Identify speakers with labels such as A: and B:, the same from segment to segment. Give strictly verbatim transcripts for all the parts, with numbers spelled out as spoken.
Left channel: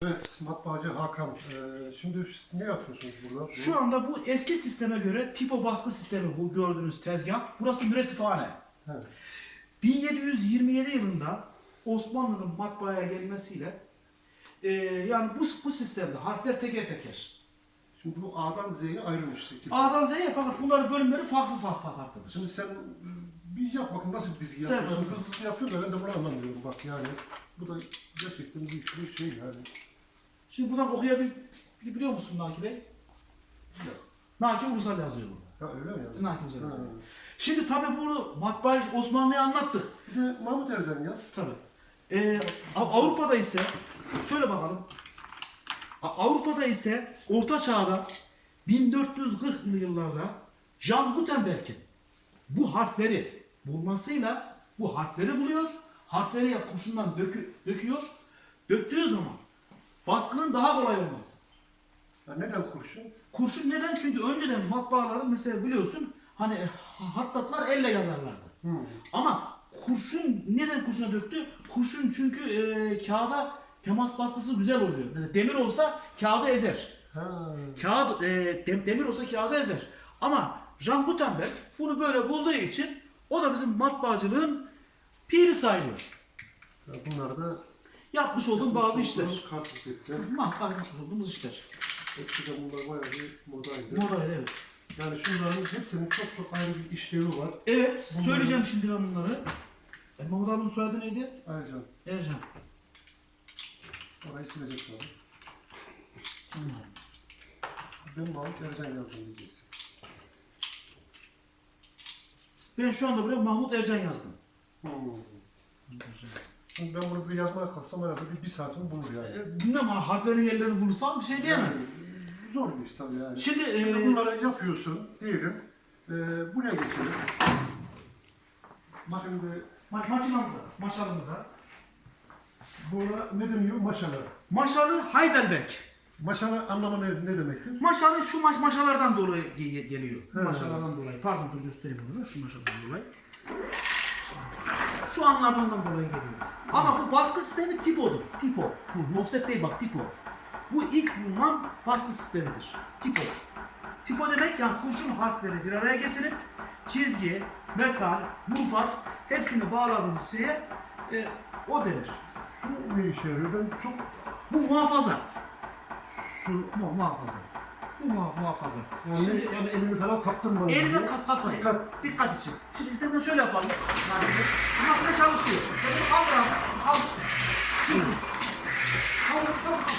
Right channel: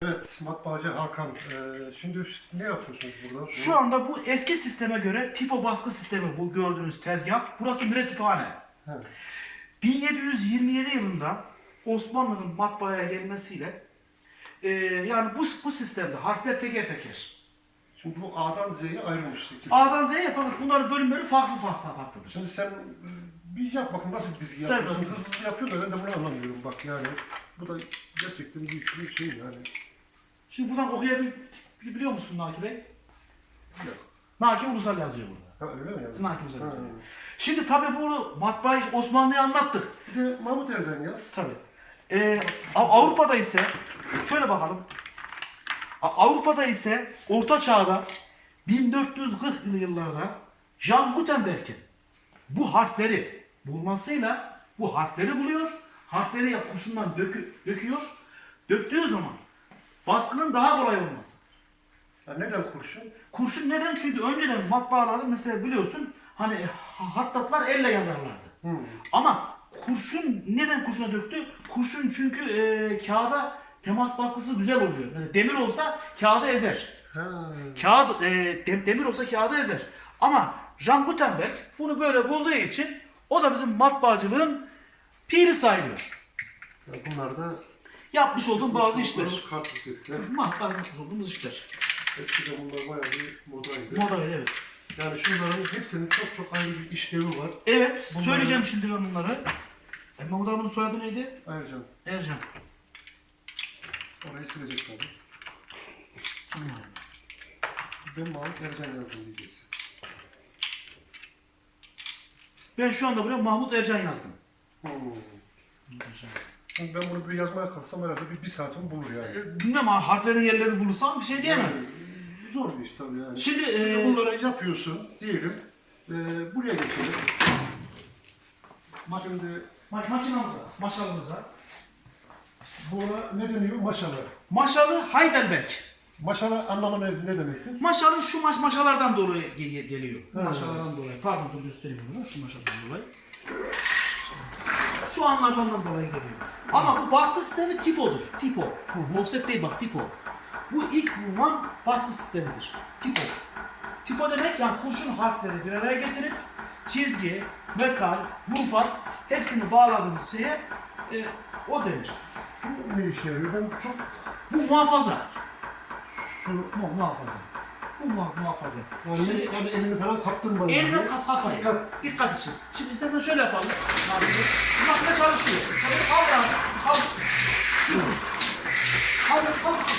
A: Evet, matbaacı Hakan. Ee, şimdi ne yapıyorsunuz burada?
B: Şu anda bu eski sisteme göre tipo baskı sistemi bu gördüğünüz tezgah. Burası mürettüphane.
A: Evet.
B: bin yedi yüz yirmi yedi yılında Osmanlı'nın matbaaya gelmesiyle e, yani bu, bu sistemde harfler teker teker.
A: Şimdi bu A'dan Z'ye ayrılmış şekilde.
B: A'dan Z'ye fakat bunların bölümleri farklı farklı farklıdır.
A: Şimdi sen bir yap bakın nasıl bir dizgi
B: Tabii.
A: yapıyorsun. Hızlı hızlı yapıyor da ben de bunu anlamıyorum. Bak yani bu da gerçekten büyük bir şey yani.
B: Şimdi buradan okuyabiliyor musun Naki Bey?
A: Yok.
B: Naki Ulusal yazıyor burada.
A: Ha öyle mi yani?
B: Naki Ulusal
A: Ha.
B: yazıyor. Şimdi tabi bunu matbaayı Osmanlı'ya anlattık.
A: Bir de Mahmut Erden yaz.
B: Tabii. Ee, Av- Avrupa'da ise şöyle bakalım. A- Avrupa'da ise Orta Çağ'da bin dört yüz kırklı yıllarda Jean Gutenberg'in bu harfleri bulmasıyla bu harfleri buluyor. Harfleri ya kurşundan dökü, döküyor. Döktüğü zaman baskının daha kolay olması.
A: Ya neden kurşun?
B: Kurşun neden? Çünkü önceden matbaalarda mesela biliyorsun hani hattatlar elle yazarlardı.
A: Hmm.
B: Ama kurşun neden kurşuna döktü? Kurşun çünkü e, kağıda temas baskısı güzel oluyor. Mesela demir olsa kağıdı ezer.
A: Ha.
B: Kağıt e, dem- demir olsa kağıdı ezer. Ama Jean Gutenberg bunu böyle bulduğu için o da bizim matbaacılığın piri sayılıyor.
A: Ya bunlar da
B: Yapmış olduğum bazı işler.
A: kartuşetler.
B: Matbaa yapmış olduğumuz işler.
A: Eskiden bunlar bayağı bir modaydı.
B: Moda evet.
A: Yani şunların hepsinin çok çok ayrı bir işlevi var.
B: Evet,
A: Bunları-
B: söyleyeceğim şimdi ben bunları. E, Mahmut Hanım'ın soyadı neydi?
A: Ayrıca
B: Ercan.
A: orayı silecek tabii.
B: Tamam.
A: Ben Mahmut Erden yazdım diyeceksin.
B: Ben şu anda buraya Mahmut Ercan yazdım.
A: Hmm. Şimdi ben bunu bir yazmaya kalksam herhalde bir, bir saatimi bulur yani.
B: E, bilmem ha, harflerin yerlerini bulursam bir şey diyemem.
A: Yani, zor bir iş tabii yani.
B: Şimdi,
A: Şimdi
B: e,
A: bunları yapıyorsun diyelim. E, buraya geçelim.
B: Ma-
A: Şimdi
B: ma- makinamıza, maşalımıza.
A: buna ne deniyor? Maşalar.
B: Maşalı Heidelberg.
A: Maşala anlamı ne, ne demektir?
B: Maşalı şu maş maşalardan dolayı ge- geliyor.
A: He.
B: Maşalardan dolayı. Pardon dur göstereyim bunu. Şu maşalardan dolayı. Şu anlardan dolayı geliyor. Ama bu baskı sistemi tipodur. Tipo. Offset değil bak tipo. Bu ilk bulunan baskı sistemidir. Tipo. Tipo demek yani kurşun harfleri bir araya getirip çizgi, metal, mulfat hepsini bağladığımız şeye e, o denir.
A: Bu ne işe yarıyor? Ben çok
B: Bu muhafaza.
A: şu
B: Mu muhafaza. Bu muha- muhafaza.
A: yani,
B: Şimdi
A: yani elini falan kaptırma.
B: eline kaf kafayı.
A: Dikkat.
B: Dikkat için. Şimdi istersen şöyle yapalım. Bu makine çalışıyor. Şöyle al lan. Al. Şunu. Al, al, al.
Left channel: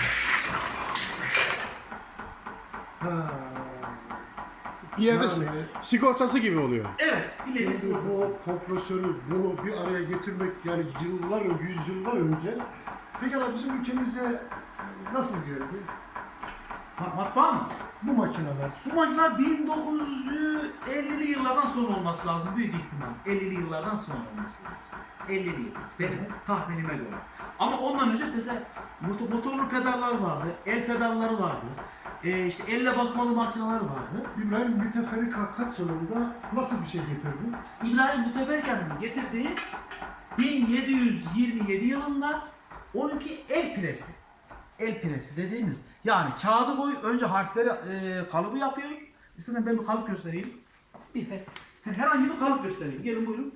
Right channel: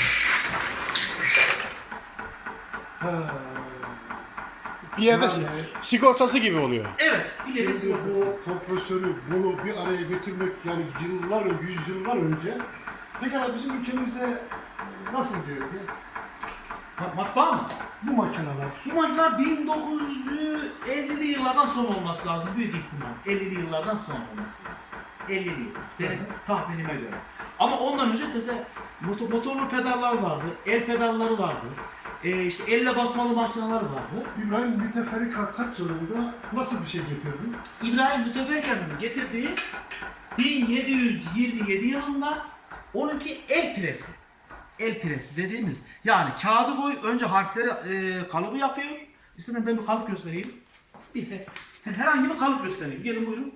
A: Ha.
C: Bir yerde
A: Yani-
C: sigortası gibi oluyor.
B: Evet. İleri
A: Şimdi
B: sigortası.
A: bu kompresörü bunu bir araya getirmek yani yıllar, yüzyıllar önce pekala bizim ülkemize nasıl geldi?
B: Ma- Matbaa mı?
A: Bu makineler.
B: Bu makineler bin dokuz yüz ellili yıllardan sonra olması lazım büyük ihtimal. ellili yıllardan sonra olması lazım. ellili yıl. Benim tahminime göre. Ama ondan önce mesela motor, motorlu pedallar vardı, el pedalları vardı. Ee, işte elle basmalı makineler vardı.
A: İbrahim Müteferrika kaç yılında nasıl bir şey getirdi?
B: İbrahim Müteferrika'nın getirdiği bin yedi yüz yirmi yedi yılında onunki el presi. El presi dediğimiz yani kağıdı koy önce harfleri e, kalıbı yapıyor. İstedim ben bir kalıp göstereyim. Bir herhangi bir kalıp göstereyim. Gelin buyurun.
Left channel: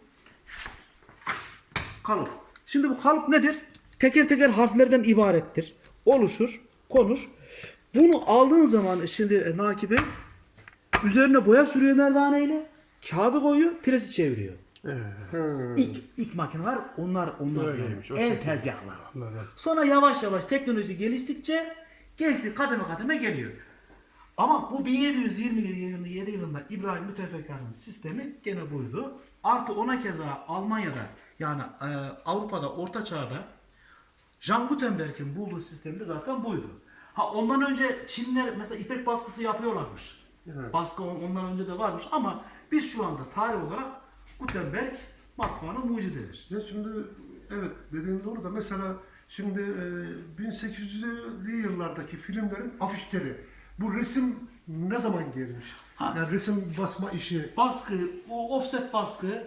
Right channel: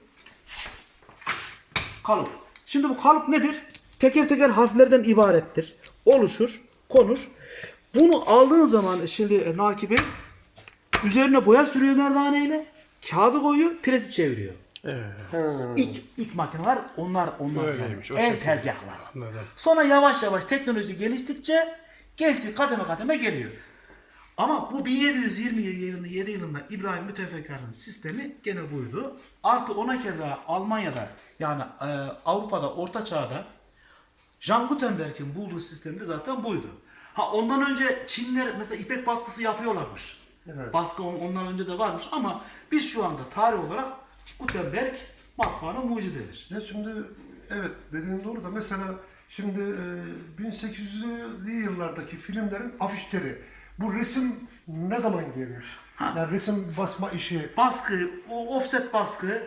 B: Kalıp. Şimdi bu kalıp nedir? Teker teker harflerden ibarettir. Oluşur, konur. Bunu aldığın zaman şimdi e, Naki Bey üzerine boya sürüyor merdaneyle. Kağıdı koyuyor, presi çeviriyor.
C: Evet.
B: İlk, ilk makineler onlar onlar
C: Öyleymiş, o
B: yani. El
C: şekilde.
B: tezgahlar.
C: Anladım.
B: Sonra yavaş yavaş teknoloji geliştikçe geçti kademe kademe geliyor. Ama bu bin yedi yüz yirmi yedi yılında İbrahim Müteferrika'nın sistemi gene buydu. Artı ona keza Almanya'da yani e, Avrupa'da Orta Çağ'da Jean Gutenberg'in bulduğu sistemi de zaten buydu. Ha ondan önce Çinliler mesela ipek baskısı yapıyorlarmış.
A: Evet.
B: Baskı on- ondan önce de varmış ama biz şu anda tarih olarak Gutenberg matbaanın mucididir.
A: Ya şimdi evet dediğin doğru da mesela şimdi e, bin sekiz yüzlü yıllardaki filmlerin afişleri bu resim ne zaman gelmiş?
B: Ha.
A: Yani resim basma işi
B: Baskı, o offset baskı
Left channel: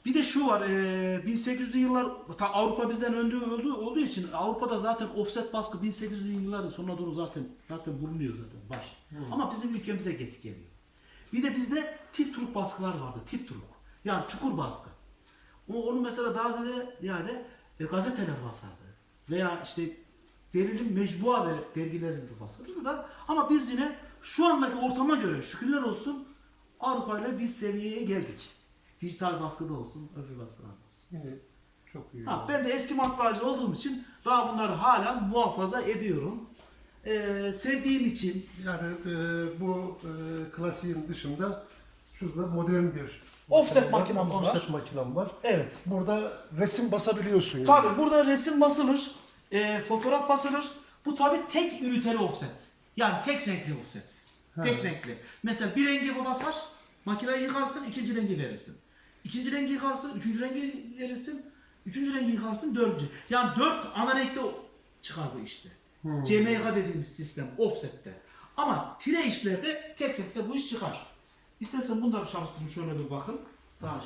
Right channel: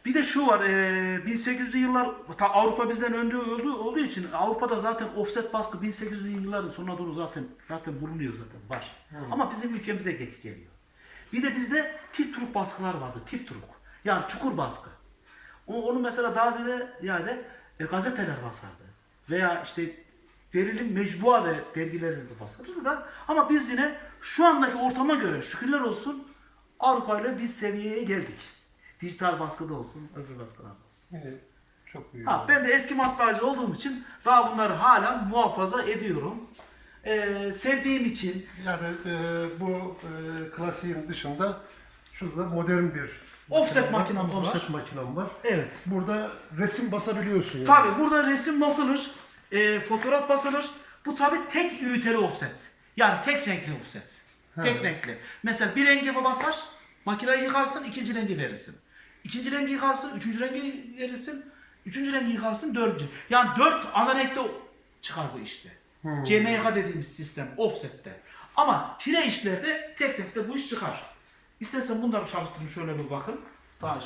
B: Bir de şu var, e, bin sekiz yüzlü yıllar, ta Avrupa bizden önde olduğu, olduğu için Avrupa'da zaten offset baskı bin sekiz yüzlü yılların sonuna doğru zaten zaten bulunuyor zaten var. Ama bizim ülkemize geç geliyor. Bir de bizde tif truk baskılar vardı, tif truk. Yani çukur baskı. O- Onu mesela daha ziyade yani e, gazeteler basardı. Veya işte verilim mecbua ve dergiler basardı da. Ama biz yine şu andaki ortama göre şükürler olsun Avrupa ile biz seviyeye geldik. Dijital baskıda olsun, öbür baskılarda olsun.
A: İyi, çok iyi.
B: Ha, ben de eski matbaacı olduğum için daha bunları hala muhafaza ediyorum. Ee, sevdiğim için
A: Yani e, bu e, klasiğin dışında şurada modern bir
B: Offset
A: makine
B: makinamız var.
A: Offset makinem var.
B: evet.
A: Burada resim basabiliyorsun yani.
B: Tabii burada resim basılır, e, fotoğraf basılır. Bu tabii tek üniteli offset. Yani tek renkli offset. Tek renkli. Mesela bir rengi basar, makineyi yıkarsın, ikinci rengi verirsin. İkinci rengi yıkarsın, üçüncü rengi verirsin. Üçüncü rengi yıkarsın, dördüncü. Yani dört ana renkte çıkar bu işte. C M Y K dediğimiz sistem offsette. Ama tire işlerde tek renkte bu iş çıkar. İstersen bunları çalıştırın şöyle bir bakın. Daha